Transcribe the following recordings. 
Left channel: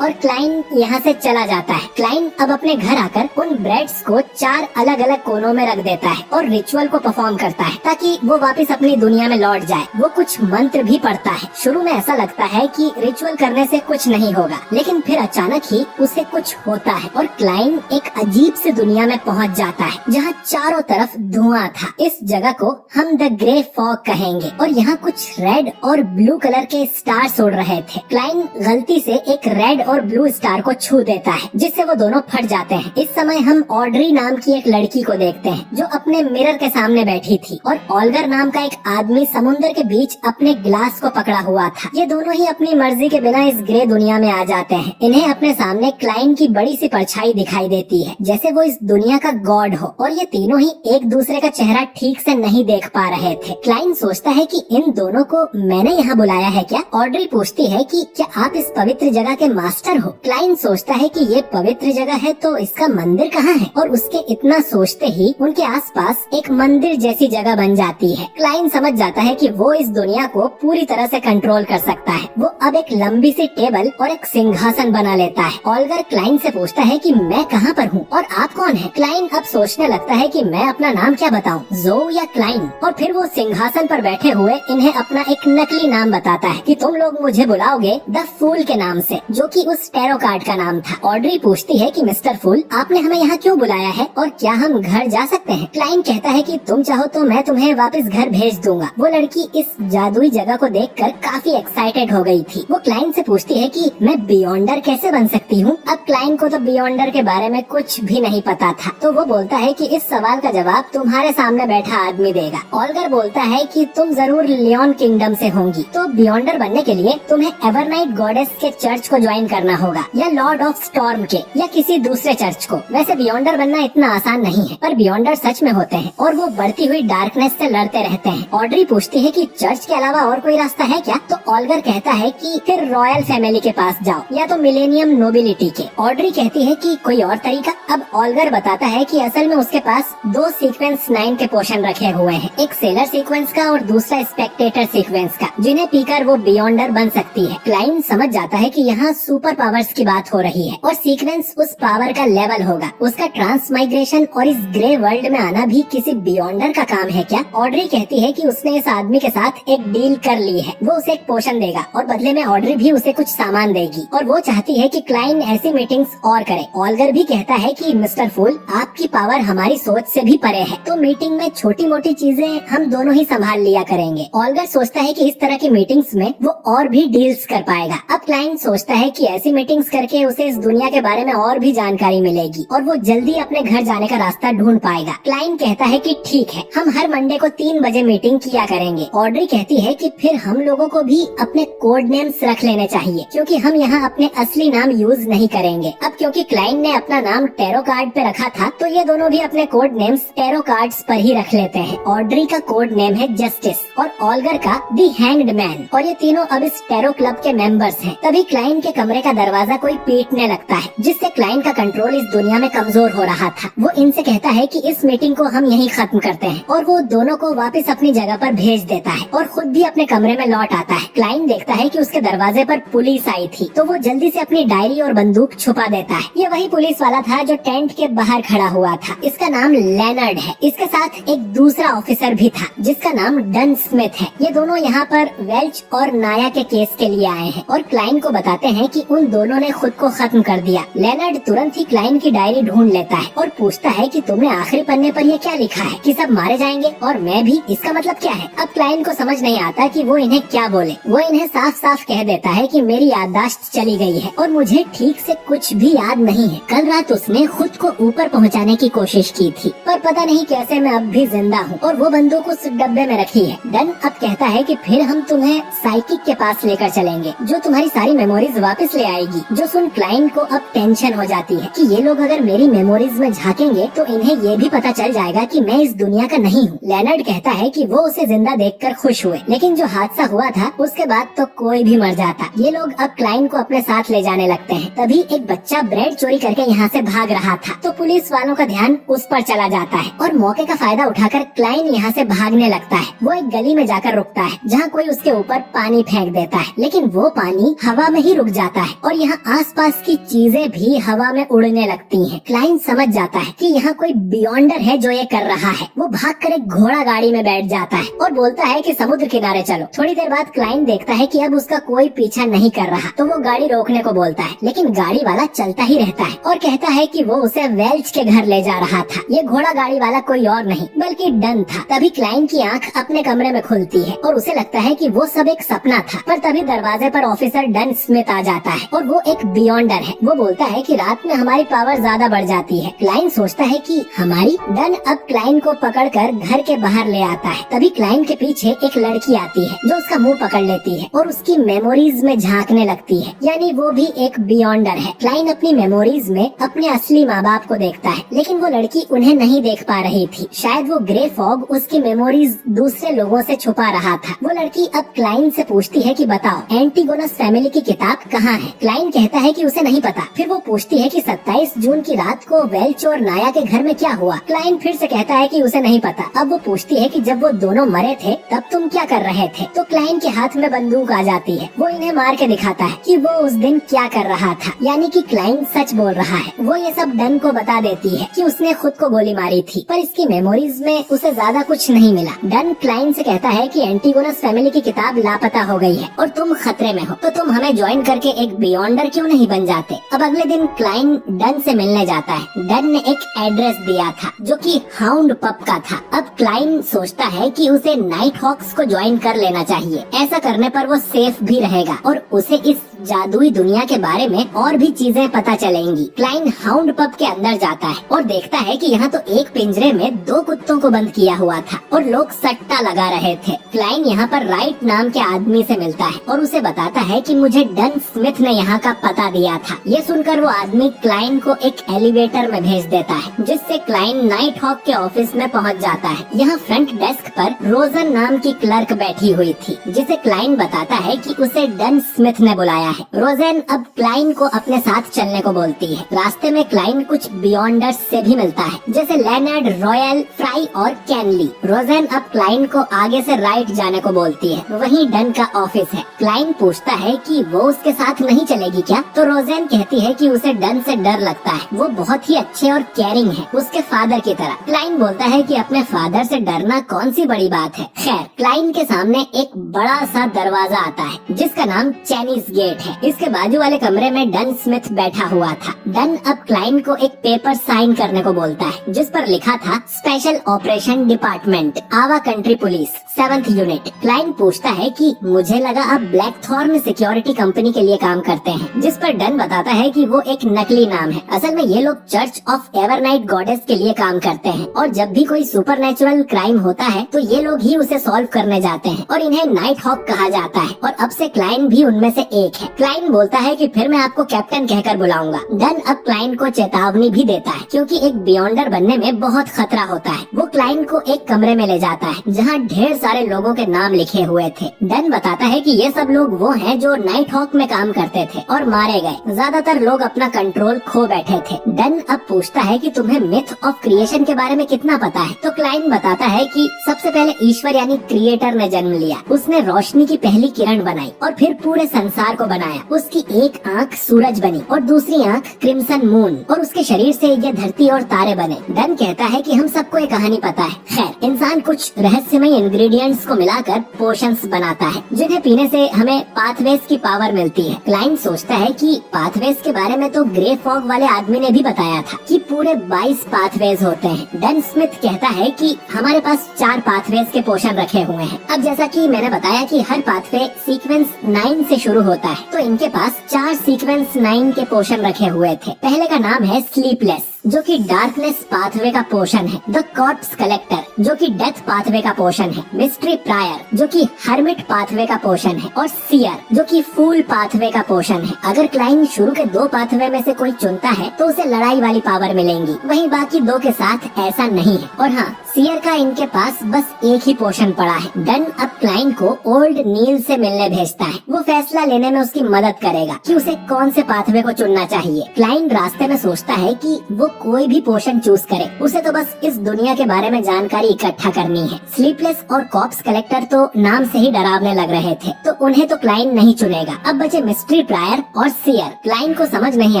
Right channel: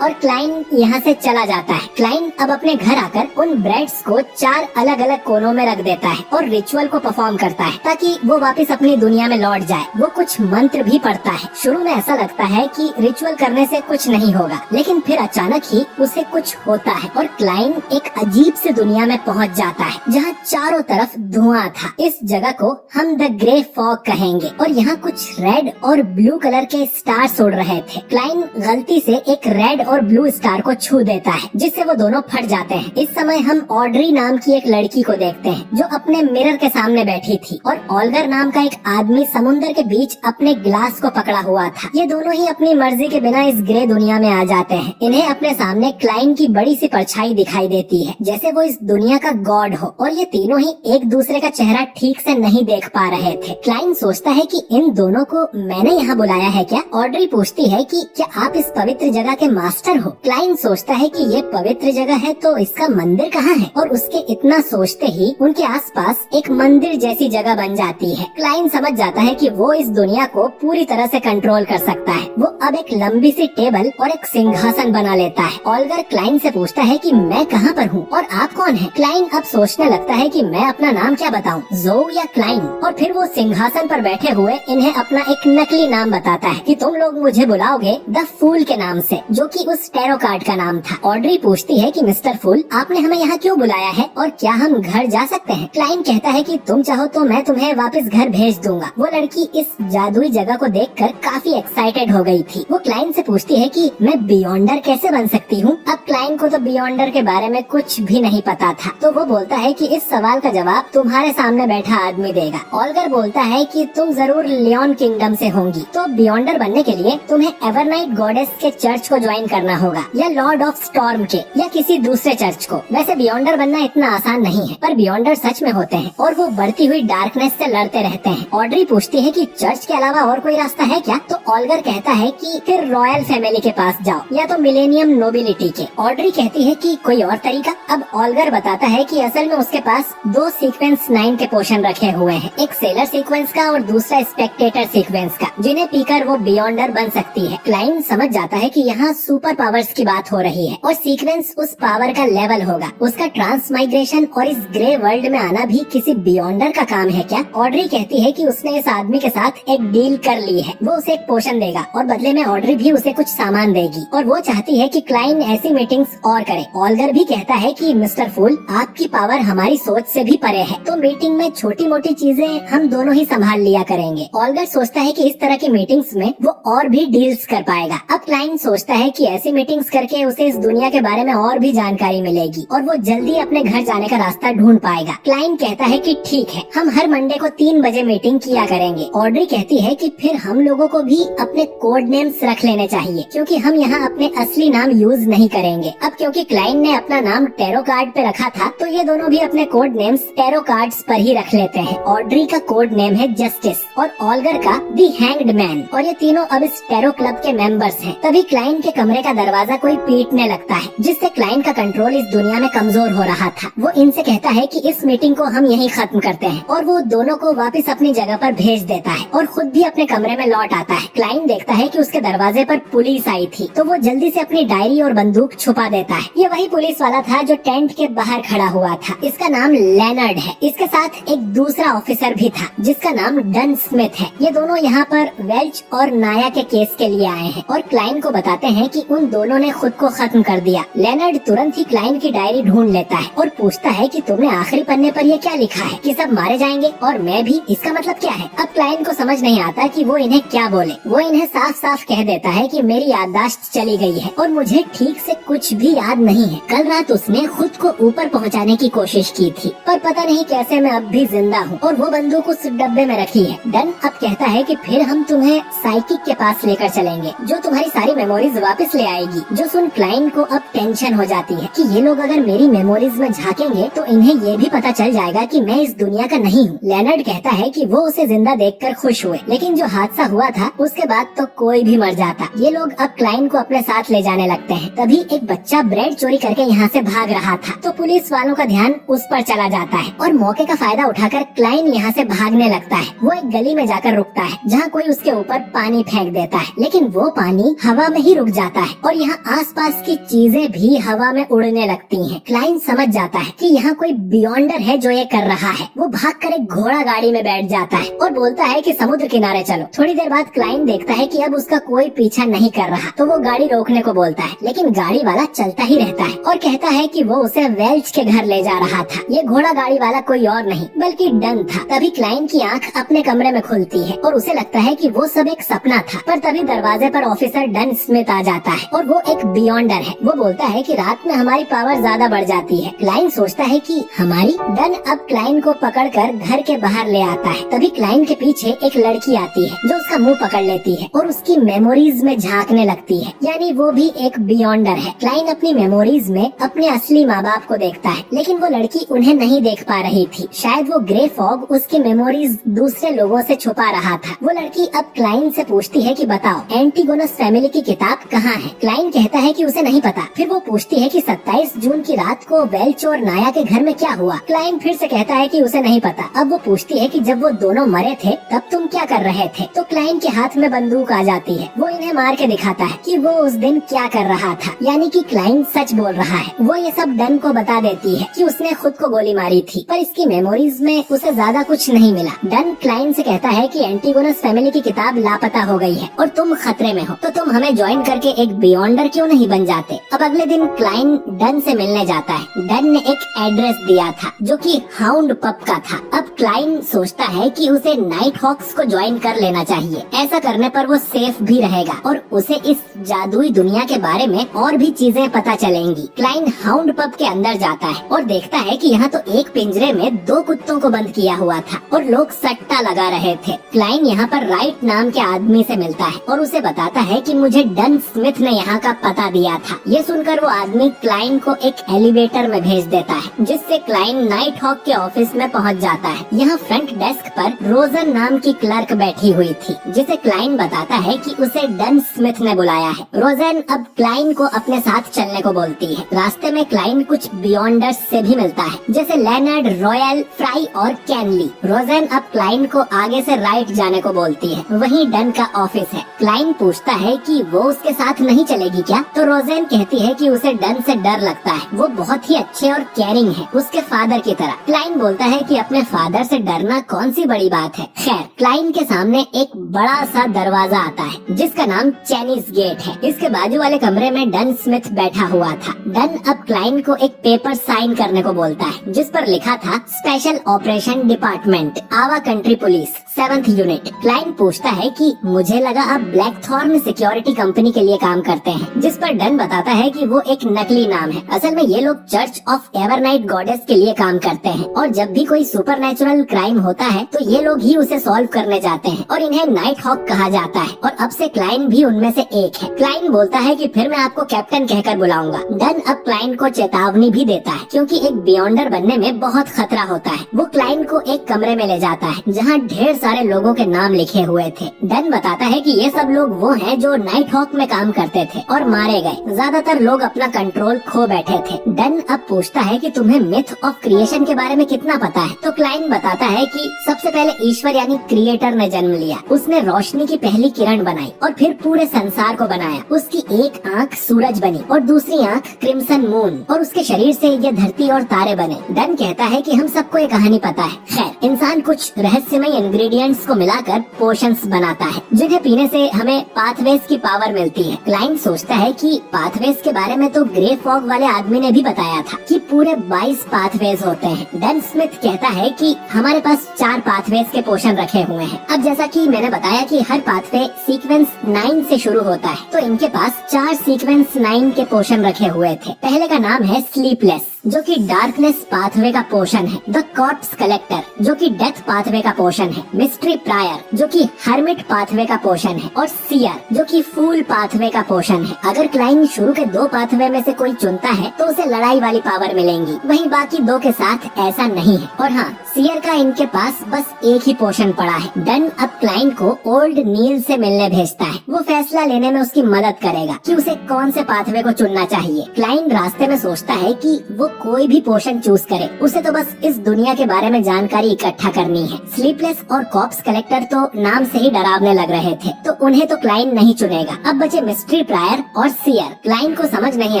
और क्लाइंट यहाँ से चला जाता है। क्लाइंट अब अपने घर आकर उन ब्रेड्स को 4 अलग अलग कोनों में रख देता है और रिचुअल को परफॉर्म करता है ताकि वो वापस अपनी दुनिया में लौट जाए। वो कुछ मंत्र भी पढ़ता है। शुरू में ऐसा लगता है कि रिचुअल करने से कुछ नहीं होगा, लेकिन फिर अचानक ही उसे कुछ होता है और क्लाइंट एक अजीब सी दुनिया में पहुँच जाता है जहाँ चारों तरफ धुआं था। इस जगह को हम द ग्रे फॉग कहेंगे और यहाँ कुछ रेड और ब्लू कलर के स्टार्स उड़ रहे थे। क्लाइंट गलती से एक रेड और ब्लू स्टार को छू देता है जिससे वो दोनों फट जाते हैं। इस समय हम ऑड्री नाम की एक लड़की को देखते हैं जो अपने मिरर के सामने बैठी थी और ऑल्गर नाम का एक आदमी समुद्र के बीच अपने ग्लास को पकड़ा हुआ था। ये दोनों ही अपनी मर्जी के बिना इस ग्रे दुनिया में आ जाते हैं। इन्हें अपने सामने क्लाइंट की बड़ी सी परछाई दिखाई देती है जैसे वो इस दुनिया का गॉड हो और ये तीनों ही एक दूसरे का चेहरा ठीक से नहीं देख पा रहे थे। क्लाइंट सोचता है कि इन दोनों को मैंने यहाँ बुलाया है क्या? ऑड्री पूछती है कि क्या आप इस पवित्र जगह के मास्टर हो? क्लाइंट सोचता है कि ये पवित्र जगह है तो इसका मंदिर कहाँ है? और उसके इतना सोचते ही उनके आसपास एक मंदिर जैसी जगह बन जाती है। क्लाइंट समझ जाता है कि वो इस दुनिया को पूरी तरह से कंट्रोल कर सकता है। वो अब एक लंबी सी टेबल और एक सिंहासन बना लेता है। ऑल्गर क्लाइंट से पूछता है कि मैं कहाँ पर हूँ और आप कौन हैं? क्लाइंट अब सोचने लगता है कि मैं अपना नाम क्या बताऊं, ज़ो या क्लाइंट? और फिर वो सिंहासन पर बैठे हुए इन्हें अपना एक नकली नाम बताता है कि तुम लोग मुझे बुलाओगे द फूल के नाम से, जो कि उस टैरो कार्ड का नाम था। ऑड्री पूछती है कि मिस्टर फूल, आपने हमें यहाँ क्यों बुलाया है और क्या हम घर जा सकते हैं? क्लाइंट कहता है कि तुम चाहो तो मैं तुम्हें वापस घर भेज दूंगा। वो लड़की इस जादुई जगह को देखकर काफी एक्साइटेड हो गई थी। वो क्लाइंट से पूछती है कि मैं बियॉन्डर कैसे बन सकती हूँ? अब क्लाइंट को तो बियॉन्डर के बारे में कुछ भी नहीं पता था, तो वो बोलता है कि इस सवाल का जवाब तुम्हारे सामने बैठा आदमी देगा। ऑल्गर बोलता है कि तुम जरूर लियोन किंगडम से होंगी, तो बियॉन्डर बनने के लिए तुम्हें एवरनाइट गॉडेस के चर्च को ज्वाइन करना होगा या लॉर्ड ऑफ स्टॉर्म के या किसी दूसरे चर्च को। वैसे बियॉन्डर बनना इतना आसान नहीं है, पर बियॉन्डर सच में होते हैं और वो बढ़ती हुई डार्कनेस से लड़ते रहते हैं। ऑड्री पूछती है कि चर्च के अलावा और कोई रास्ता है क्या? तो ऑल्गर कहता है कि फिर रॉयल फैमिली के पास जाओ या तो मिलेनियम नोबिलिटी के। ऑड्री कहती है कि कोई और तरीका? अब ऑल्गर बताता है कि असल में उसके पास 2 सीक्वेंस 9 के पोशन रखे हुए हैं, एक सेलर सीक्वेंस का और दूसरा स्पेक्टेटर सीक्वेंस का, जिन्हें पीकर वो बियॉन्डर बन सकती है। क्लाइंट समझ जाता है कि यहाँ सुपर पावर्स की बात हो रही है और सीक्वेंस उस पावर का लेवल होगा। उसका ट्रांसमाइग्रेशन और इस ग्रे वर्ल्ड में आना भी किसी बियॉन्डर का काम है क्या? ऑड्री कहती है कि उसने इस आदमी के साथ एक डील कर ली है। वो उसे एक पोशन देगा और बदले में ऑड्री भी उसे कुछ सामान देगी और वो चाहती है कि क्लाइंट ऐसी मीटिंग्स और करे। ऑल्गर भी कहता है कि मिस्टर फूल, आपकी पावर हमारी सोच से भी परे है, तो मीटिंग में छोटी मोटी चीजें हम दोनों ही संभाल लिया करेंगे। ऑल्गर सोचता है कि इस तरह की मीटिंग्स में वो और भी डील्स कर पाएगा। अब क्लाइंट सोचता है कि ऐसी मीटिंग्स करके उसे इस दुनिया के बारे में और भी जानकारी मिलेगी और वो जल्दी अपने घर जाने का रास्ता ढूंढ पाएगा। क्लाइंट कहता है कि ठीक है, हम हर मंडे को 3 बजे मीटिंग किया करेंगे। ऑड्री कहती है कि फिर हम लोगों को भी अपने कोड नेम्स रख लेने चाहिए क्योंकि हम यहाँ अपने असली नाम यूज नहीं करेंगे। अब क्योंकि क्लाइंट ने अपना नाम टैरो कार्ड पे रखा था, तो ये दोनों भी अपने कोड नेम्स टैरो कार्ड्स पर ही रख लेते हैं। ऑड्री का कोड नेम है जस्टिस और ऑल्गर का दी हैंग्ड मैन और ये तीनों अब इस टैरो क्लब के मेंबर्स हैं। तभी क्लाइंट के कमरे का दरवाजा कोई पीटने लगता है जिससे क्लाइंट का कंट्रोल इस दुनिया में कमजोर हो रहा था। वो इनसे कहता है कि इस मीटिंग को हम यहीं खत्म करते हैं और वो दोनों को वापस अपनी जगह पर भेज देता है और खुद भी अपने कमरे में लौट आता है। क्लाइंट देखता है कि उसके दरवाजे पर पुलिस आई थी, तो वो जल्दी से अपनी डायरी और बंदूक छुपा देता है। ये वही पुलिस वाला था जो टेंट के बाहर खड़ा हुआ था। इसका नाम लेनर्ड है। इसके साथ एक दूसरा ऑफिसर भी था जिसका नाम डन स्मिथ है। ये दोनों यहाँ पर वेल्च और नाया के केस के लिए आए हैं और क्लाइंट को बताते हैं कि उन दोनों ने खुद को खत्म कर दिया। लेनर्ड तुरंत ही क्लाइंट की डायरी ढूंढ लेता है और पूछता है कि तुमने आखिरी पन्ने पर ये क्या लिखा है कि सब मारे जाएंगे और मैं भी? इसका मतलब क्या है? अब क्लाइंट को समझ नहीं आता कि वो इन्हें क्या बोले। वो इन्हें साफ साफ कह देता है कि मेरी याददाश्त चली गई है और मुझे ठीक से कुछ भी याद नहीं है। कल रात उसने खुद को ऊपर पहुँचाने की कोशिश की थी, पर पता नहीं कैसे मैं अब भी जिंदा हूँ और वो बंदूक उस डब्बे में रखी है। डन अब कहता है कि फिर हम तुम्हें साइकिक के पास लेकर चलेंगे जो तुम्हारी सारी मेमोरीज वापस ले आएगी। जो सुन क्लाइंट को अब टेंशन हो जाती है कि ये लोग अगर मेरी मेमोरीज में झांकेंगे तो इन्हें ये भी पता चल जाएगा कि मैं इस दुनिया का नहीं हूँ। लेनर्ड कहता है कि वो उसे जिंदा देखकर खुश हुए, लेकिन जो हादसा हुआ था उसके बाद तो कोई भी मर जाता। ये लोग अब क्लाइंट को अपने साथ ले जाने लगते हैं। तभी एक बच्चा ब्रेड चोरी करके यहाँ से भाग रहा था, तो पुलिस वालों का ध्यान उस पर चला जाता है और मौके का फायदा उठाकर क्लाइंट यहाँ से भागने लगता है। वो एक गली में जाकर रुकता है जहाँ कोई उसके ऊपर पानी फेंक देता है, लेकिन वो पानी हवा में ही रुक जाता है और यहाँ आसपास की चीजें भी हवा में उड़ने लगती हैं। क्लाइंट समझ जाता है कि यहाँ कोई बियॉन्डर है जो ये कर रहा है। वो भागकर एक घोड़ा गाड़ी में बैठ जाता है और बोलता है कि समुद्र किनारे चलो। थोड़ी देर बाद क्लाइंट देखता है कि अब उसका कोई पीछा नहीं कर रहा, तो वो गाड़ी रोकने को बोलता है, लेकिन गाड़ी वाला चलता ही रहता है और कहता है कि वो उसे वेल्च के घर ले जा रहा था। ये घोड़ा गाड़ी वाला कोई और नहीं बल्कि डन था। तभी क्लाइंट की आंख अपने कमरे में खुलती है और उसे लगता है कि वो सब एक सपना था, पर तभी दरवाजे पर ऑफिसर डन स्मिथ आ जाता है और वो एक बियॉन्डर है। वो बोलता है कि रात में हमारी पावर ज्यादा बढ़ जाती है। क्लाइंट सोचता है कि हमारी। डन अब क्लाइंट को पकड़कर घर के बाहर ले आता है। तभी क्लाइंट के पीछे एक लड़की आती है जो उसका मुंह पकड़ लेती है और उसकी मेमोरीज में झांकने लगती है, यानी वो भी एक बियॉन्डर है। क्लाइंट अपनी मेमोरीज में अपने असली माँ बाप को देखता है, लेकिन वो लड़की उन्हें नहीं देख पा रही थी। शायद वो ग्रे फॉग उसकी मेमोरीज दूसरे लोगों से छुपा रहा था। वो लड़की अब क्लाइंट से पूछती है कि बताओ एंटीगोनस फैमिली की किताब कहाँ है। क्लाइंट कहता है कि उसे नहीं पता। फिर वो पूछती है कि 27 जून की रात को वेल्च और नाया के घर में क्या हुआ। क्लाइंट फिर से कहता है कि उसे नहीं पता। अब वो पूछती है कि जब वो दोनों मरे थे तब तुम क्या कर रहे थे। तो क्लाइंट के हाथ में बंदूक आ जाती है। वो इन्हें मार के दिखाता है कि वो उस दिन क्या कर रहा था, यानी कि क्लाइंट सच बोल रहा है। वो ये सब डन को बता देती है कि उसने खुद को गोली मारी थी, पर इसकी मेमोरीज में उसे ज्यादा कुछ नहीं मिला। डन क्लाइंट से कहता है कि एंटीगोनस फैमिली की किताब लापता हो गई है और तुम खतरे में हो, तो तुम हमें ज्वाइन करके एक बियॉन्डर क्यों नहीं बन जाते। अब अगले दिन क्लाइंट डन से मिलने जाता है। डन ने एक एड्रेस दिया था जो कि हाउंड पब का था। अब क्लाइंट सोचता है कि उसे नाइट हॉक्स को ज्वाइन कर लेना चाहिए। ऐसा करने पर वो सेफ भी रहेगा और उसे इस जादुई दुनिया के बारे में और भी चीजें पता चलेंगी। क्लाइंट हाउंड पब के अंदर जाता है और देखता है कि यहाँ तो एक पिंजरे में 2 कुत्तों को बंद किया हुआ था और लोग सट्टा लगा रहे थे। क्लाइंट यहाँ पर राइट नाम के आदमी से मिलता है और उसे बताता है कि मुझे डन स्मिथ ने यहाँ का पता दिया था। ये सुनकर वो आदमी क्लाइंट को एक एलिवेटर में भेज देता है, जिससे क्लाइंट नाइट हॉक के ऑफिस में पहुँच जाता है। यहाँ फ्रंट डेस्क पर रोजन नाम की क्लर्क बैठी हुई थी, जिसे क्लाइंट बताता है कि उसे डन स्मिथ ने बुलाया है। रोजन अब क्लाइंट को अपने साथ चलने को बोलती है। रास्ते में क्लाइंट कुछ बियॉन्डर्स से भी मिलता है, जैसे लेनर्ड, रॉयल, फ्राई और कैनली। रोजन अब क्लाइंट को आगे से राइट जाने को बोलती है। वहीं डन का ऑफिस है। क्लाइंट पूछता है कि वो उसके साथ नहीं चलेगी क्या, तो रोजन कहती है कि उसे डन से डर लगता है। वो बहुत ही अच्छे और केयरिंग है, उसके फादर की तरह। क्लाइंट बोलता है कि अपने फादर से डरना कौन सी बड़ी बात है। खैर, क्लाइंट के सामने एक बड़ा सा दरवाजा आता है जिसका नाम चाइनीज गेट है। इसके बाजू वाले कमरे में डन स्मिथ बैठा हुआ था। डन अब क्लाइंट को एक पेपर साइन करने को बोलता है, जिस पर लिखा था स्पेशल ऑपरेशन डिपार्टमेंट, आवा country police, 7th unit. Client पूछता है कि मुझे लगा आप ब्लैकथॉर्न सिक्योरिटी कंपनी के लिए काम करते हैं, जिस पर डन बताता है कि वो एक नकली नाम है। असल में ये लोग चर्च ऑफ एवरनाइट गॉडेस के लिए काम करते हैं और जब भी कोई सुपरनेचुरल क्राइम होता है तो ये लोग ही उसे सॉल्व करने जाते हैं और इन्हें नाइट हॉक कहा जाता है और अब से क्लाइंट भी उनमें से एक है। क्लाइंट बोलता है कि फिर मैं आपको कैप्टन कहकर बुलाऊंगा। डन अब क्लाइंट को चेतावनी भी देता है, क्योंकि एक बियॉन्डर बनने में बहुत खतरा होता है। वो क्लाइंट को एक कमरे में ले जाता है जहाँ ढेर सारे लोगों के नाम लिखे हुए थे। डन बताता है कि ये सब लोग वो हैं जो नाइट हॉक में काम करते थे और मारे गए। ज्यादातर लोग अपना कंट्रोल खो बैठे थे। डन अब पूछता है कि तुम्हें मिथ ऑफ क्रिएशन के बारे में कितना पता है, तो क्लाइंट बताता है कि सबसे पहले ईश्वर यानी क्रिएटर ने जन्म लिया। उसने रोशनी की पहली किरण बनाई और फिर पूरे संसार को बनाया। उसकी एक आंख सूरज बनी और दूसरी आंख क्रिम्सन मून, और उसके शरीर से ये धरती और तारे बने। डन कहता है कि हम सबको ये कहानी पता है। खैर, इंसान कुछ रहस्यमय इंग्रेडिएंट्स को मिलाकर पोशंस बनाता है, जिन्हें पीने से हमें पाथवेज की पावर मिलती है। क्लाइंट सोचता है कि पाथवेज के बारे में तो ग्रे फॉग वाले आदमी ने भी बताया था कि पूरे 22 पाथवेज होते हैं। डन स्मिथ कहता है कि हमारे पास 4 पाथवेज के पोशन रखे हुए हैं। अब जैसा कि मैंने बताया कि हर पाथवे सीक्वेंस 9 से शुरू होता है, तो इनके पास 4 सीक्वेंस 9 के पोशन रखे हुए थे। पहले का नाम है स्लीपलेस, जो कि डार्कनेस पाथवे का पोशन है। द कॉर्प्स कलेक्टर, जो कि डेथ पाथवे का पोशन है। मिस्ट्री प्रायर, जो कि हर्मिट पाथवे का पोशन है। और सियर, जो कि फूल पाथवे का पोशन है। अगर क्लाइंट शुरू के 2 पाथवे में से कोई चुनता है तो उसे लड़ाई वाली पावर मिलेंगी, वहीं बाकी 2 के साथ ऐसा नहीं है। और हाँ, सियर का इनके पास बस एक ही पोशन पड़ा है। डन अब क्लाइंट को ओल्ड नील से मिलने भेजता है। वो फैसला लेने में उसकी मदद करेगा कि उसे कौन से पाथवे को चुनना चाहिए। क्लाइंट रास्ते में सोचता है कि वो कोई भी पोशन चूज करे, उसे तो बस इस दुनिया के बारे में जानकारी इकट्ठा करनी है। स्लीपलेस और कॉर्प्स कलेक्टर तो नाम से ही डरावने लग रहे थे, तो उन्हें तो क्लाइन नहीं चुनेगा। अब बचे मिस्ट्री प्रायर और सियर। क्लाइन को समझ नहीं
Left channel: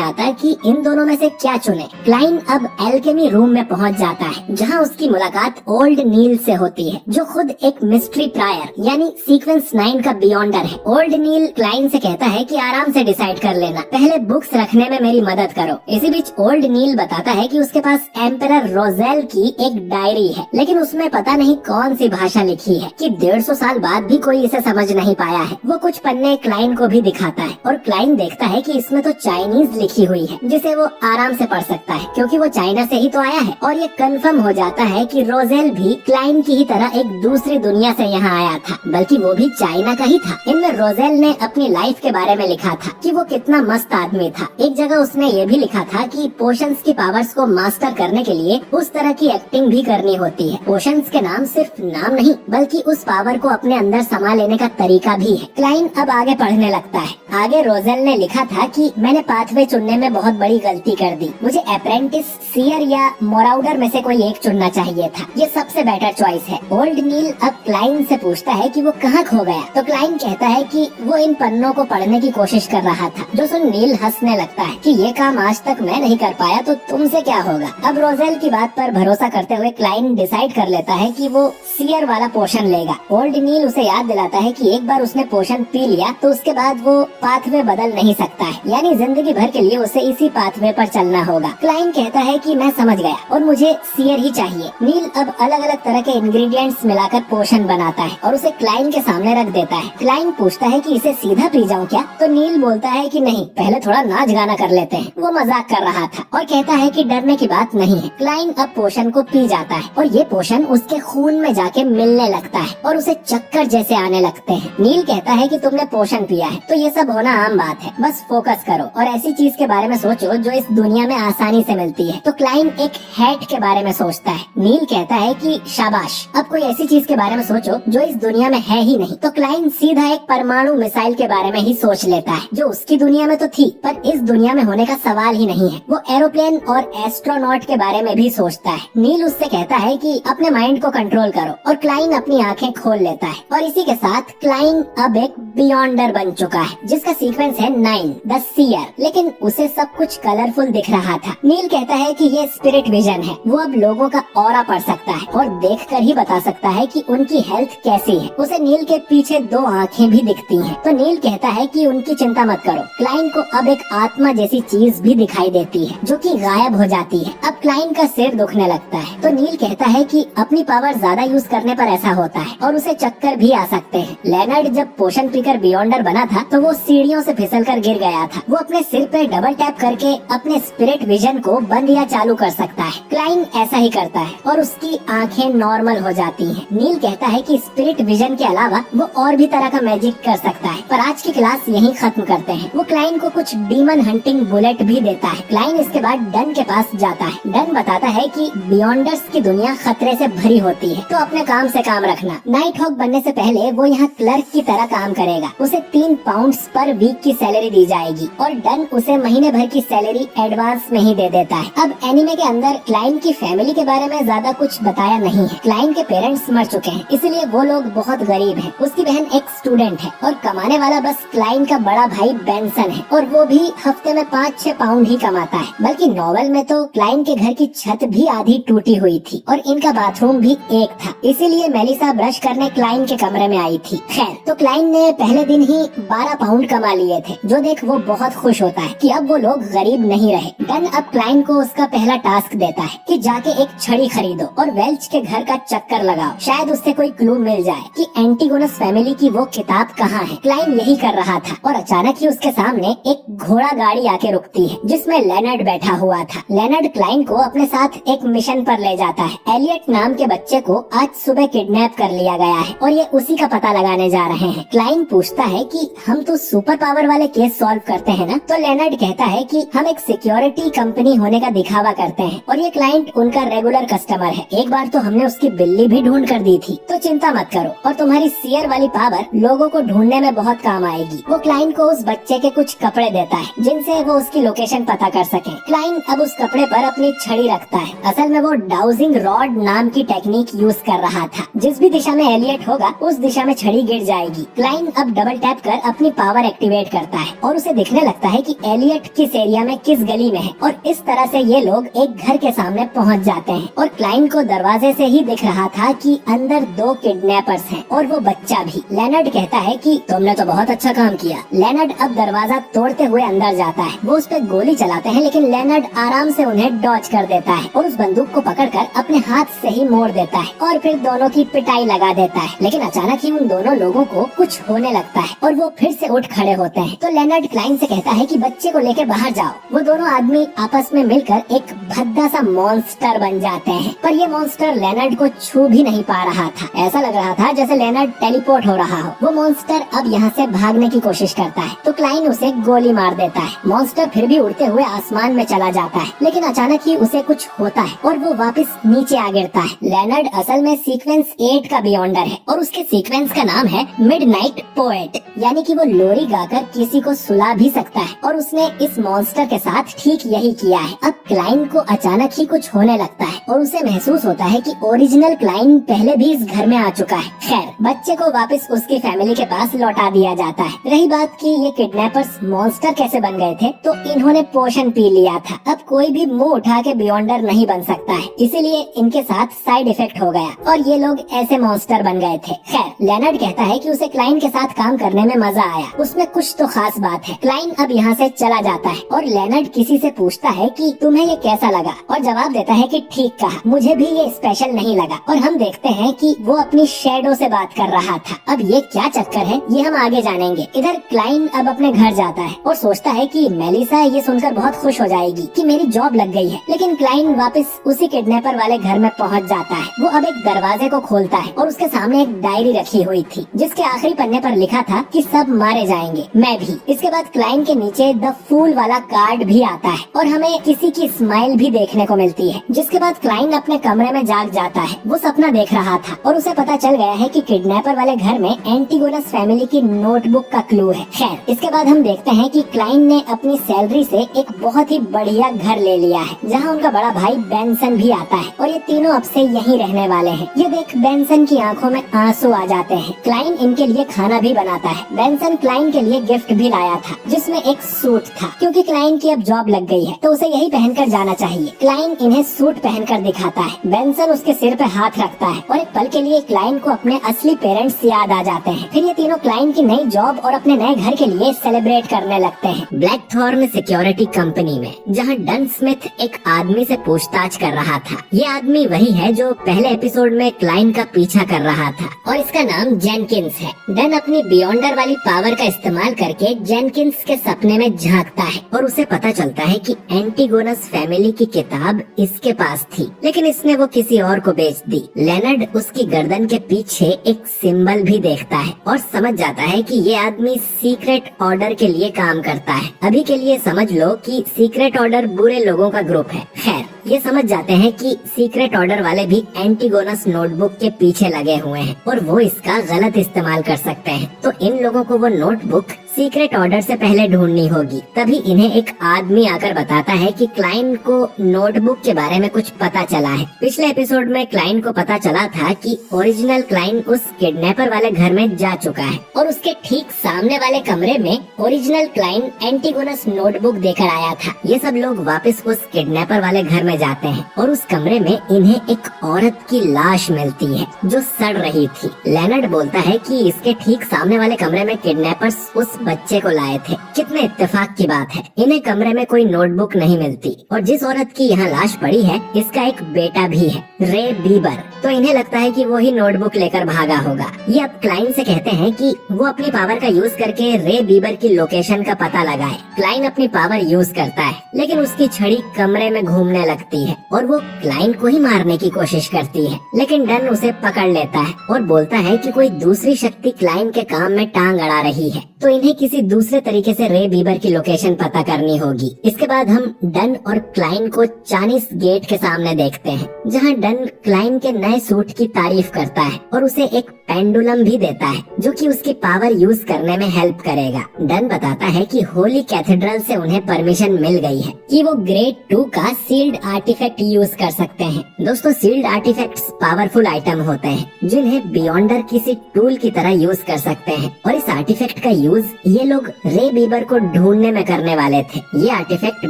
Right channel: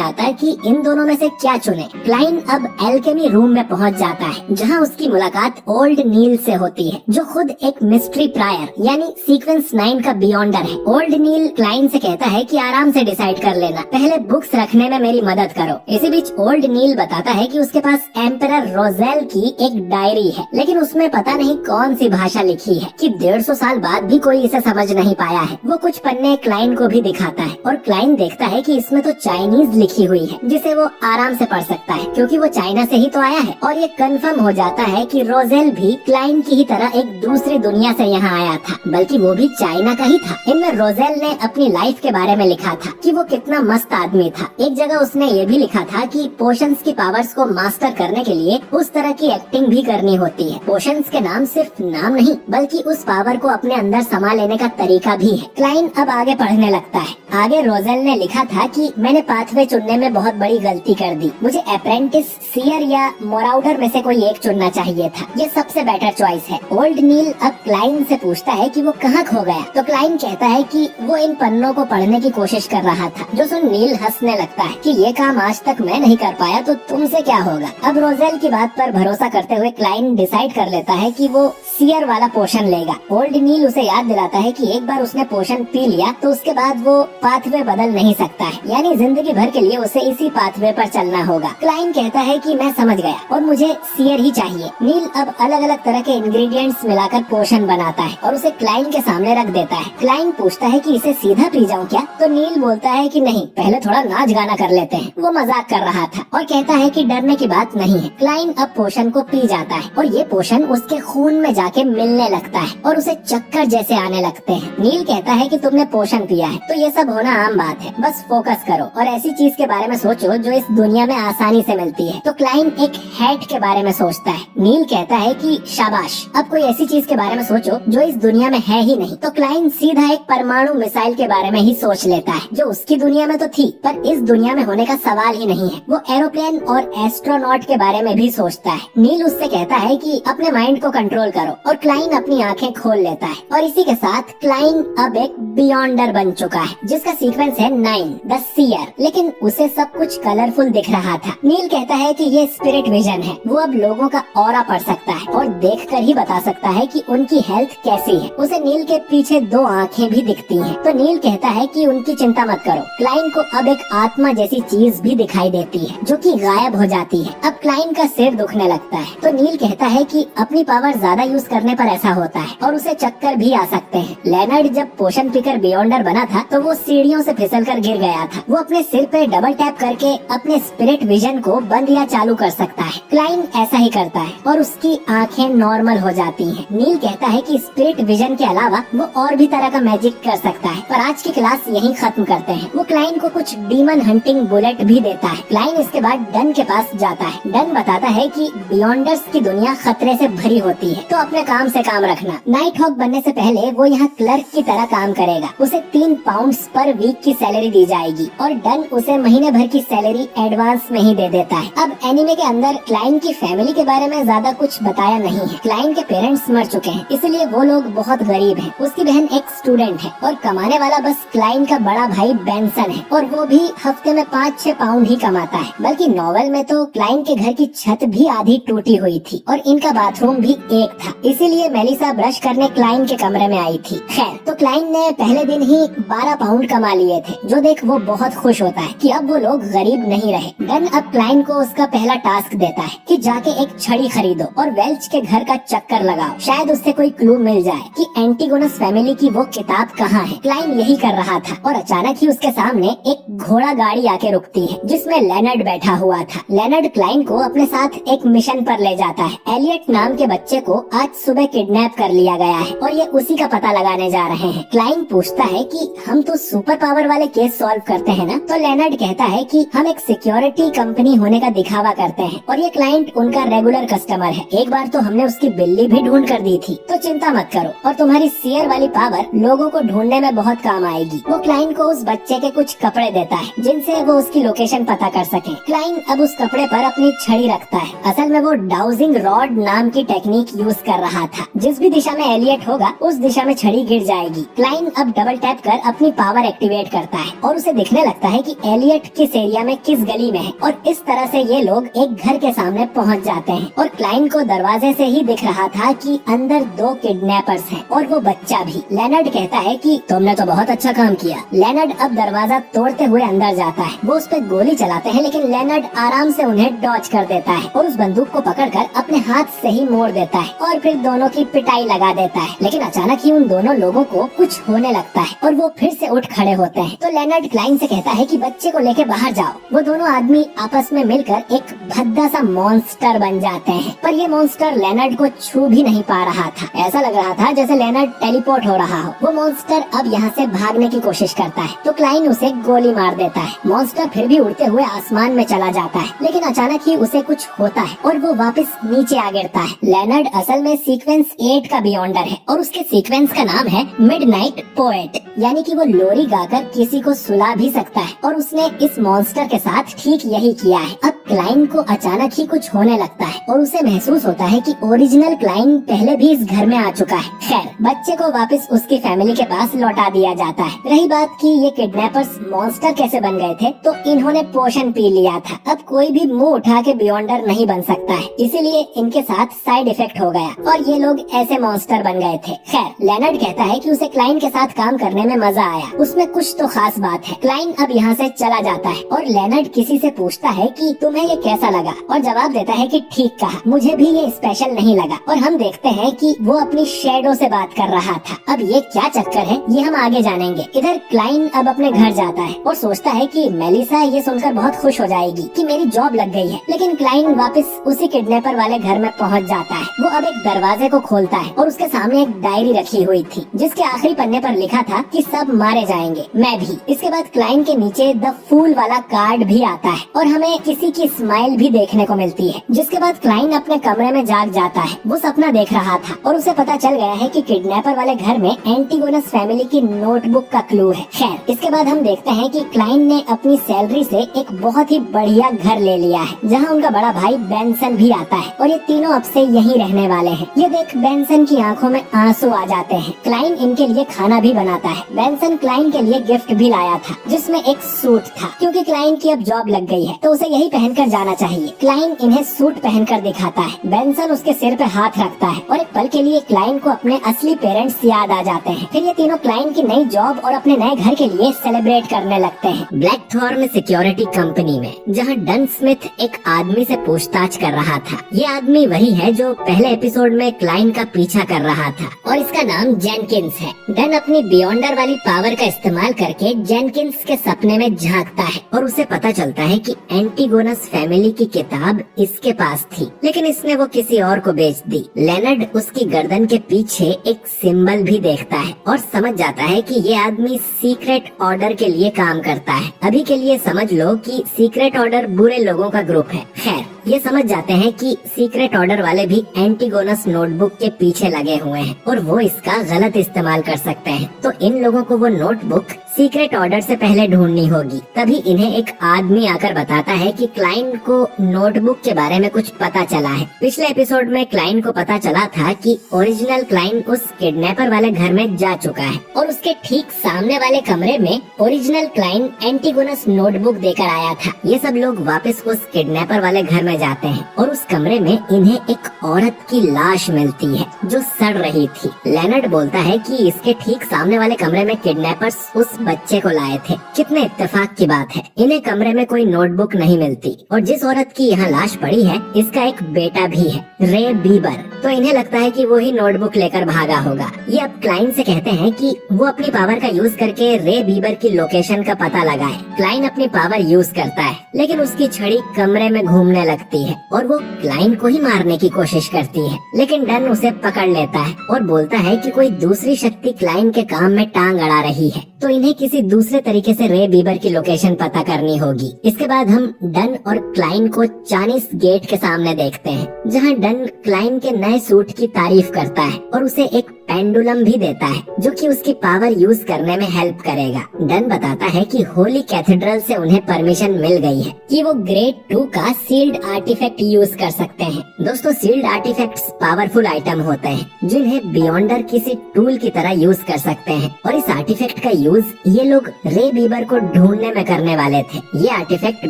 आता कि इन दोनों में से क्या चुने। क्लाइन अब एल्केमी रूम में पहुंच जाता है, जहां उसकी मुलाकात ओल्ड नील से होती है, जो खुद एक मिस्ट्री प्रायर यानी सीक्वेंस 9 का बियॉन्डर है। ओल्ड नील क्लाइन से कहता है कि आराम से डिसाइड कर लेना, पहले बुक्स रखने में मेरी मदद करो। इसी बीच ओल्ड नील बताता है कि उसके पास एम्परर रोजेल की एक डायरी है, लेकिन उसमें पता नहीं कौन सी भाषा लिखी है कि 150 साल बाद भी कोई इसे समझ नहीं पाया है। वो कुछ पन्ने क्लाइन को भी दिखाता है और क्लाइन देखता है कि इसमें तो चाइनीज लिखी हुई है, जिसे वो आराम से पढ़ सकता है क्योंकि वो चाइना से ही तो आया है। और ये कंफर्म हो जाता है कि रोजेल भी क्लाइन की ही तरह एक दूसरी दुनिया से यहाँ आया था, बल्कि वो भी चाइना का ही था। इनमें रोजेल ने अपनी लाइफ के बारे में लिखा था कि वो कितना मस्त आदमी था। एक जगह उसने ये भी लिखा था कि पोशंस की पावर्स को मास्टर करने के लिए उस तरह की एक्टिंग भी करनी होती है। पोशंस के नाम सिर्फ नाम नहीं, बल्कि उस पावर को अपने अंदर समा लेने का तरीका भी है। क्लाइन अब आगे पढ़ने लगता है। आगे रोजेल ने लिखा था कि मैंने पाथवे चुनने में बहुत बड़ी गलती कर दी, मुझे अप्रेंटिस, सियर या मोराउडर में से कोई एक चुनना चाहिए था, ये सबसे बेटर चॉइस है। ओल्ड नील अब क्लाइन से पूछता है कि वो कहाँ खो गया, तो क्लाइन कहता है कि वो इन पन्नों को पढ़ने की कोशिश कर रहा था, जो सुन नील हंसने लगता है कि ये काम आज तक मैं नहीं कर पाया तो तुमसे क्या होगा। अब रोजेल की बात पर भरोसा करते हुए क्लाइन डिसाइड कर लेता है कि वो सियर वाला पोशन लेगा। ओल्ड नील उसे याद दिलाता है कि एक बार उसने पोशन पी लिया तो उसके बाद वो पाथवे बदल नहीं सकता है, यानी जिंदगी भर के लिए उसे इसी पाथवे पर चलना होगा। क्लाइन कहता है कि मैं समझ गया और मुझे सियर ही चाहिए। नील अब अलग अलग तरह के इंग्रेडिएंट्स मिलाकर पोशन बनाता है और उसे क्लाइन के सामने रख देता है। क्लाइन पूछता है कि इसे सीधा पी जाऊं क्या, तो नील बोलता है कि नहीं, पहले थोड़ा नाच गाना कर लेते हैं। वो मजाक कर रहा था और कहता है कि डरने की बात नहीं है। क्लाइन अब पोशन को पी जाता है और ये पोशन उसके खून में जाके मिलने लगता है और उसे चक्कर जैसे आने लगते हैं। नील कहता है कि तुमने पोशन पिया है तो ये सब होना आम बात है, बस फोकस करो और ऐसी चीज के बारे में सोचो जो इस दुनिया में आसानी से मिलती है। तो क्लाइन एक हैट के बारे में सोचता है। नील कहता है कि शाबाश, अब कोई ऐसी चीज के बारे में सोचो जो इस दुनिया में है ही नहीं। तो क्लाइन सीधा एक परमाणु मिसाइल के बारे में ही सोच लेता है, जो उसकी दुनिया में तो थी पर इस दुनिया में होने का सवाल ही नहीं है। वो एरोप्लेन और एस्ट्रोनॉट के बारे में भी सोचता है। नील उससे कहता है कि अपने माइंड को कंट्रोल करो और क्लाइन अपनी आंखें खोल लेता है और इसी के साथ क्लाइन अब एक बियॉन्डर बन चुका है, जिसका सीक्वेंस है 9 द सियर। लेकिन उसे सब कुछ कलरफुल दिख रहा था। नील कहता है कि ये स्पिरिट विजन है, वो अब लोगों का ऑरा पढ़ सकता है और देखकर ही बता सकता है कि उनकी हेल्थ कैसी है। उसे नील के पीछे 2 आंखें भी दिखती हैं। तो नील कहता है कि उनकी चिंता मत करो। क्लाइन को अब एक आत्मा जैसी चीज भी दिखाई देती है जो कि गायब हो जाती है। अब क्लाइन का सिर दुखने लगता है तो नील कहता है कि अपनी पावर ज्यादा यूज करने पर ऐसा होता है और उसे चक्कर भी आ सकते हैं। लेनर्ड जब पोशन पीकर बियॉन्डर बना था तो वो सीढ़ियों से फिसलकर गिर गया था। वो अपने सिर पे डबल टैप करके अपने स्पिरिट विजन को बंद या चालू कर सकता है। क्लाइन ऐसा ही करता है और उसकी आंखें नॉर्मल हो जाती हैं। नील कहता है कि स्पिरिट विजन के अलावा वो और भी तरह का मैजिक कर सकता है। पर आज की क्लास यहीं खत्म करते हैं। वो क्लाइन को कुछ डीमन हंटिंग बुलेट भी देता है। क्लाइन इसके बाद डन के पास जाता है। डन बताता है कि बियॉन्डर्स की दुनिया खतरे से भरी होती है, तो अपने काम से काम रखना। नाइट हॉक बनने से पहले वो यहाँ क्लर्क की तरह काम करेगा। उसे 3 पाउंड्स पर वीक की सैलरी दी जाएगी और डन उसे महीने भर की सैलरी एडवांस में ही दे देता है। अब एनिमे के अंदर क्लाइन की फैमिली के बारे में ज्यादा कुछ बताया नहीं है। क्लाइन के पेरेंट्स मर चुके हैं, इसलिए वो लोग बहुत गरीब हैं। उसकी बहन एक स्टूडेंट है और कमाने वाला बस क्लाइन का बड़ा भाई बेंसन है और वो भी हफ्ते में 5-6 पाउंड ही कमाता है। बल्कि नॉवेल में तो क्लाइन के घर की छत भी आधी टूटी हुई थी और इनका बाथरूम भी एक था, इसीलिए मेलिसा ब्रश करने क्लाइन के कमरे में आई थी। खैर, तो क्लाइन ने पहले दिन ही 12 पाउंड कमा लिए थे, जो देख वो बहुत खुश होता है कि अब वो लोग गरीब नहीं रहे। डन अब क्लाइन को उसका पहला टास्क देता है कि जाके एक छड़ी खरीदो और वेल्च के घर का चक्कर लगाओ, शायद उससे कोई क्लू मिल जाए कि एंटीगोनस फैमिली की वो किताब कहाँ है। क्लाइन यही कर रहा था और अचानक ही उसके सामने एक घोड़ा गाड़ी आके रुकती है जिसमें लेनर्ड बैठा हुआ था। लेनर्ड क्लाइन को अपने साथ एक मिशन पर ले जाता है। एलियट नाम के बच्चे को आज सुबह किडनैप कर लिया गया है और ये उसी का पता लगाने जा रहे हैं। क्लाइन पूछता है कि हम तो सुपर पावर वाले केस सॉल्व करते हैं ना, तो लेनर्ड कहता है कि हम एक सिक्योरिटी कंपनी होने का दिखावा करते हैं और ये क्लाइंट उनका रेगुलर कस्टमर है। एक बार तो हमने उसकी बिल्ली भी ढूंढ कर दी थी, तो चिंता मत करो और तुम्हारी सियर वाली पावर लोगों को ढूंढने में बहुत काम आएगी। वो क्लाइंट को उस बच्चे के कुछ कपड़े देता है जिनसे वो उसकी लोकेशन पता कर सके। क्लाइन अब उस कपड़े पर अपनी छड़ी रखता है। असल में वो डाउजिंग रॉड नाम की टेक्निक यूज कर रहा था। जिस भी दिशा में एलियट होगा उस दिशा में छड़ी गिर जाएगी। क्लाइन अब डबल टैप कर अपनी पावर एक्टिवेट करता है और उसे दिखने लगता है कि एलियट किस एरिया में किस गली में है, और इस तरह से ये लोग एक घर के सामने पहुंच जाते हैं। और क्लाइन को दरवाजे से ही दिख रहा था कि अंदर 2 किडनैपर्स हैं और वो बच्चा भी। लेनर्ड कहता है कि तुमने तो बहुत अच्छा काम किया। लेनर्ड अब दरवाजा तोड़ते हुए अंदर जाता है। वो उस पर गोली चलाते हैं, लेकिन लेनर्ड आराम से उन्हें डॉज कर देता है और उस बंदूक को पकड़कर अपने हाथ से ही मोड़ देता है और फिर दोनों की पिटाई लगा देता है। लेकिन अचानक ही उन दोनों लोगों को कुछ होने लगता है और वो फिर से उठ खड़े होते हैं। तो लेनर्ड क्लाइन से कहता है कि बच्चे को लेके बाहर जाओ। वो दोनों आदमी आपस में मिलकर एक भद्दा सा मॉन्स्टर बन जाते हैं, पर ये मॉन्स्टर लेनर्ड को छू भी नहीं पा रहा था। ऐसा लग रहा था जैसे लेनर्ड टेलीपोर्ट हो रहा हो। वो मॉन्स्टर अब यहाँ से भागने की कोशिश करता है तो क्लाइन उसे गोली मार देता है। मॉन्स्टर फिर भी उड़ते हुए आसमान में चला जाता है, लेकिन अचानक ही उसे कुछ होता है और वो वापस नीचे आ गिरता है। लेनर्ड असल में सीक्वेंस 8 का बियॉन्डर है और उसके सीक्वेंस का नाम है मिडनाइट पोएट, यानी कि वो लोरी गाकर किसी को सुला भी सकता है और उसने इस मॉन्स्टर के साथ ठीक यही किया है। अब क्लाइन को अचानक ही कुछ होने लगता है और उसे महसूस होता है कि ओरिजिनल क्लाइन पहले भी इस घर में आ चुका है। खैर, बच्चे को वापस उसकी फैमिली के पास लौटा दिया जाता है। रही बात कि ये किडनैपर्स मॉन्स्टर कैसे बन गए थे, तो इन्होंने पोशन पी लिया था। अब कोई भी मुंह उठा के बियॉन्डर नहीं बन सकता है, इसीलिए इनके साथ साइड इफेक्ट हो गया और ये लोग ऐसे मॉन्स्टर बन गए थे। खैर, लेनर्ड कहता है कि उसे क्लाइन के साथ काम करने में मजा आया, उसमें कुछ तो खास बात है। क्लाइन अब यहाँ से चला जाता है और लेनर्ड किसी से पूछता है कि तुम्हें ये कैसा लगा, और जवाब देता है कि ठीक कहा, मुझे भी ये स्पेशल नहीं लगा। और हम देखते हैं कि वो अपनी शैडो से बात कर रहा था। अब ये क्या चक्कर है, ये हम आगे जानेंगे। इधर क्लाइन अब अपने घर जाता है और सोचता है कि मेलिसा ये सुनकर बहुत खुश हो जाएगी कि मेरी जॉब लग गई है। लेकिन क्लाइन वापस उसी किडनैपर वाले घर में पहुँच जाता है। वो अब एक दरवाजे को खोलता है और उसके सामने एक डायरी रखी हुई थी जिसके आखिरी पन्ने पर लिखा था कि सब मारे जाएंगे, मैं भी। इसके बाद क्लाइन के नीचे द फूल वाला कार्ड भी आता है और हमें किसी की स्माइल भी देखने को मिलती है। जिसके बाद क्लाइन अपने कमरे में जाग जाता है। वो सपना देख रहा था और उसे पता चल गया है कि किडनैपर वाले घर में एंटीगोनस फैमिली की नोटबुक का क्लू है। खैर, इसके बाद हम देखते हैं कि क्लाइन ने अपनी सैलरी से एक बहुत ही बढ़िया घर ले लिया है जहाँ उनका बड़ा भाई बेंसन भी आता है और ये तीनों अब से यहीं रहने वाले हैं। ये देख बेंसन की आंखों में आंसू आ जाते हैं। क्लाइन इनके लिए खाना भी बनाता है। बेंसन क्लाइन के लिए गिफ्ट भी लाया था जिसमें एक सूट था, क्योंकि क्लाइन की अब जॉब लग गई है तो उसे यही पहनकर जाना चाहिए। क्लाइन इन्हें सूट पहनकर दिखाता है। बेंसन उसके सिर पे हाथ रखता है और एक पल के लिए क्लाइन को अपने असली पेरेंट्स याद आ जाते हैं। फिर ये तीनों क्लाइन की नई जॉब और अपने नए घर के लिए सेलिब्रेट करने लगते हैं। ब्लैकथॉर्न सिक्योरिटी कंपनी में, जहाँ डन स्मिथ एक आदमी से पूछताछ कर रहा था। ये आदमी वही है जो पहले एपिसोड में क्लाइन का पीछा कर रहा था और इसका नाम जेनकिंस है। डन अपनी बियॉन्डर वाली पावर का इस्तेमाल करके जेनकिंस के सपने में झांकता है और उसे पता चलता है कि एंटीगोनस फैमिली की किताब इसके पास थी, लेकिन इसने वो किसी और को बेच दी। लेनर्ड उसकी गर्दन के पीछे एक सिंबल भी देखता है और समझ जाता है कि ये आदमी सीक्रेट ऑर्डर के लिए काम करता है। अभी के लिए समझ लो कि सीक्रेट ऑर्डर बुरे लोगों का ग्रुप है। खैर, ये समझ जाते हैं कि सीक्रेट ऑर्डर वाले भी एंटीगोनस नोटबुक के पीछे लगे हुए हैं और वो इसका गलत इस्तेमाल कर सकते हैं। तो इन लोगों को वो नोटबुक सीक्रेट ऑर्डर से पहले ढूंढनी होगी। तभी इन्हें एक आदमी आकर बताता है कि क्लाइन को नोटबुक के बारे में कुछ पता चला है। पिछले एपिसोड में क्लाइन को पता चला था कि ओरिजिनल क्लाइन उस किडनैपर वाले घर में जा चुका है और उसके ठीक सामने वाले कमरे में ओरिजिनल क्लाइन एंटीगोनस नोटबुक देकर आया था। ये सब लोग वापस उस किडनैपर वाले घर में जाते हैं और उस कमरे में इन्हें एक औरत की लाश मिलती है जो सड़ रही थी। लेनर्ड बोलता है कि इसके ठीक सामने वाले कमरे में किडनैपर्स उस बच्चे को लाए थे। कितने इत्तेफाक की बात है, इन्हें कमरे में कोई नोटबुक नहीं मिलती और जिस औरत की यहाँ लाश पड़ी है इसका एक बेटा भी है, रे बीबर। तो इन्हें लगता है कि वो ही नोटबुक लेकर भागा होगा। ये अब क्लाइन से कहते हैं कि वो अपनी पावर का यूज करके रे बीबर की लोकेशन का पता लगाए। क्लाइन अपनी पावर यूज करता है लेकिन उसकी छड़ी कमरे में घूमने लगती लगती है और वो क्लाइंट को ही मारने की कोशिश करती है, लेकिन डन उसे पकड़ लेता है और बोलता है कि कोई दूसरी शक्ति क्लाइंट के काम में टांग अड़ा रही है, तो इन्हें किसी दूसरे तरीके से रे बीबर की लोकेशन पता करनी होगी। इसके बाद हम डन और क्लाइंट को चाइनीस गेट के सामने देखते हैं, जहाँ डन क्लाइंट के नए सूट की तारीफ करता है और उसे एक पेंडुलम भी देता है जो कि उसकी पावर यूज करने में हेल्प करेगा। डन बताता है कि होली कैथेड्रल से उन्हें परमिशन मिल गई है कि वो ग्रेड 2 का सील्ड आर्टिफैक्ट यूज कर सकते हैं। दोस्तों, सील्ड आर्टिफैक्ट्स पावरफुल आइटम होते हैं जिन्हें बियॉन्डर किसी टूल की तरह यूज कर सकते हैं, और इस आर्टिफैक्ट का यूज ये लोग रे बीबर को ढूंढने में करने वाले थे। ये आर्टिफैक्ट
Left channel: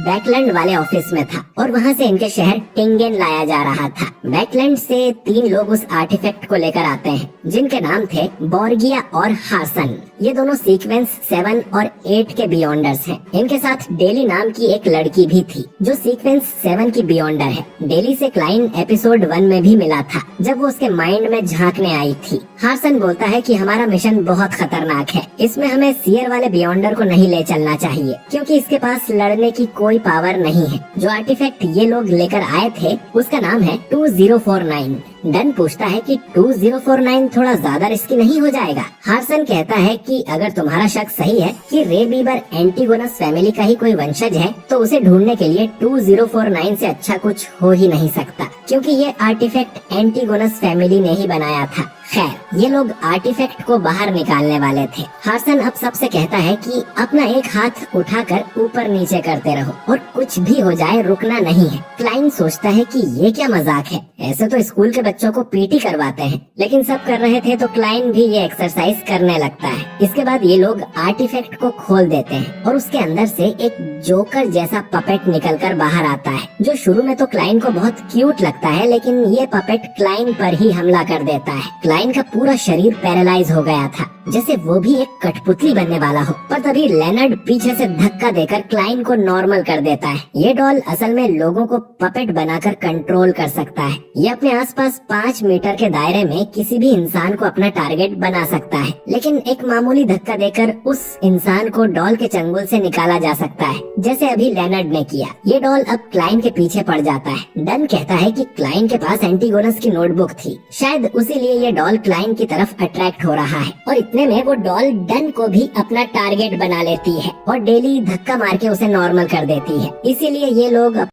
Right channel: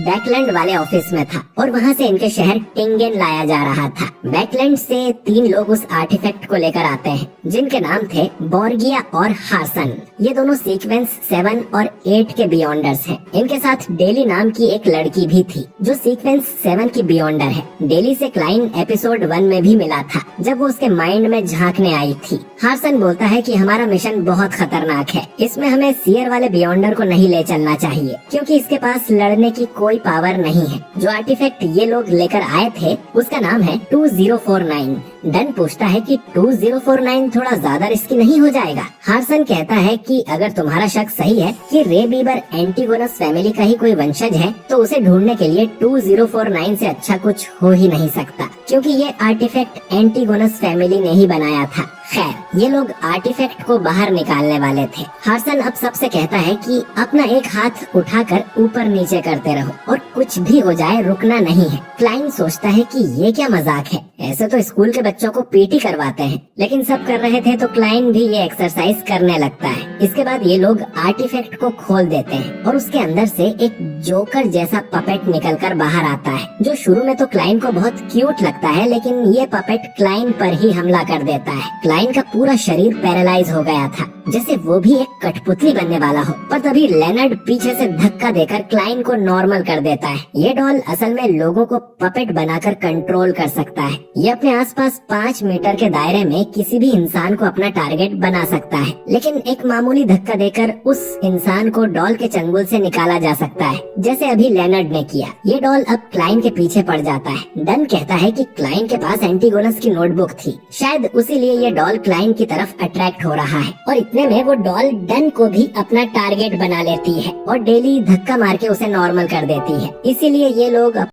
बैकलैंड वाले ऑफिस में था और वहाँ से इनके शहर टिंगेन लाया जा रहा था। बैकलैंड से 3 लोग उस आर्टिफैक्ट को लेकर आते हैं जिनके नाम थे बोर्गिया और हासन। ये दोनों सीक्वेंस 7 और 8 के बियॉन्डर्स हैं। इनके साथ डेली नाम की एक लड़की भी थी जो सीक्वेंस 7 की बियॉन्डर है। डेली से क्लाइंट एपिसोड 1 में भी मिला था जब वो उसके माइंड में झांकने आई थी। हासन बोलता है कि हमारा मिशन बहुत खतरनाक है, इसमें हमें सीयर वाले बियॉन्डर को नहीं ले चलना चाहिए क्योंकि इसके पास लड़ने की कोई पावर नहीं है। जो आर्टिफैक्ट ये लोग लेकर आए थे उसका नाम है 2049। डन पूछता है कि 2049 थोड़ा ज्यादा रिस्की नहीं हो जाएगा? हासन कहता है कि अगर तुम्हारा शक सही है कि रे बीबर एंटीगोनस फैमिली का ही कोई वंशज है तो उसे ढूंढने के लिए 2049 से अच्छा कुछ हो ही नहीं सकता, क्योंकि ये आर्टिफैक्ट एंटीगोनस फैमिली ने ही बनाया था। खैर, ये लोग आर्टिफैक्ट को बाहर निकालने वाले थे। हासन अब सबसे कहता है कि अपना एक हाथ उठाकर ऊपर नीचे करते रहो और कुछ भी हो जाए रुकना नहीं है। क्लाइंट सोचता है कि ये क्या मजाक है, ऐसे तो स्कूल के बच्चों को पीटी करवाते हैं, लेकिन सब कर रहे थे तो क्लाइंट भी ये एक्सरसाइज करने लगता है। इसके बाद ये लोग आर्टिफैक्ट को खोल देते हैं और उसके अंदर से एक जोकर जैसा पपेट निकलकर बाहर आता है, जो शुरू में तो क्लाइंट को बहुत क्यूट लगता है, लेकिन ये पपेट क्लाइंट पर ही हमला कर देता है। क्लाइंट का पूरा शरीर पैरालाइज हो गया था, जैसे वो भी एक कठपुतली बनने वाला हो। पर तभी लेनर्ड पीछे से धक्का देकर क्लाइंट को नॉर्मल कर देता है। ये डॉल असल में लोगों को पपेट बनाकर कंट्रोल कर सकता है। ये अपने आसपास 5 मीटर के दायरे में किसी भी इंसान को अपना टारगेट बना सकता है, लेकिन एक मामूली धक्का देकर उस इंसान को डॉल के चंगुल से निकाला जा सकता है, जैसे अभी लेनर्ड ने किया। ये डॉल अब क्लाइंट के पीछे पड़ जाता है। डन कहता है कि क्लाइंट के पास एंटीगोनस की नोटबुक थी, शायद उसीलिए ये डॉल क्लाइंट की तरफ अट्रैक्ट हो रहा है, और इतने में वो डॉल डन को भी अपना टारगेट बना लेती है और डेली धक्का मार के उसे नॉर्मल कर देती है। इसीलिए ये लोग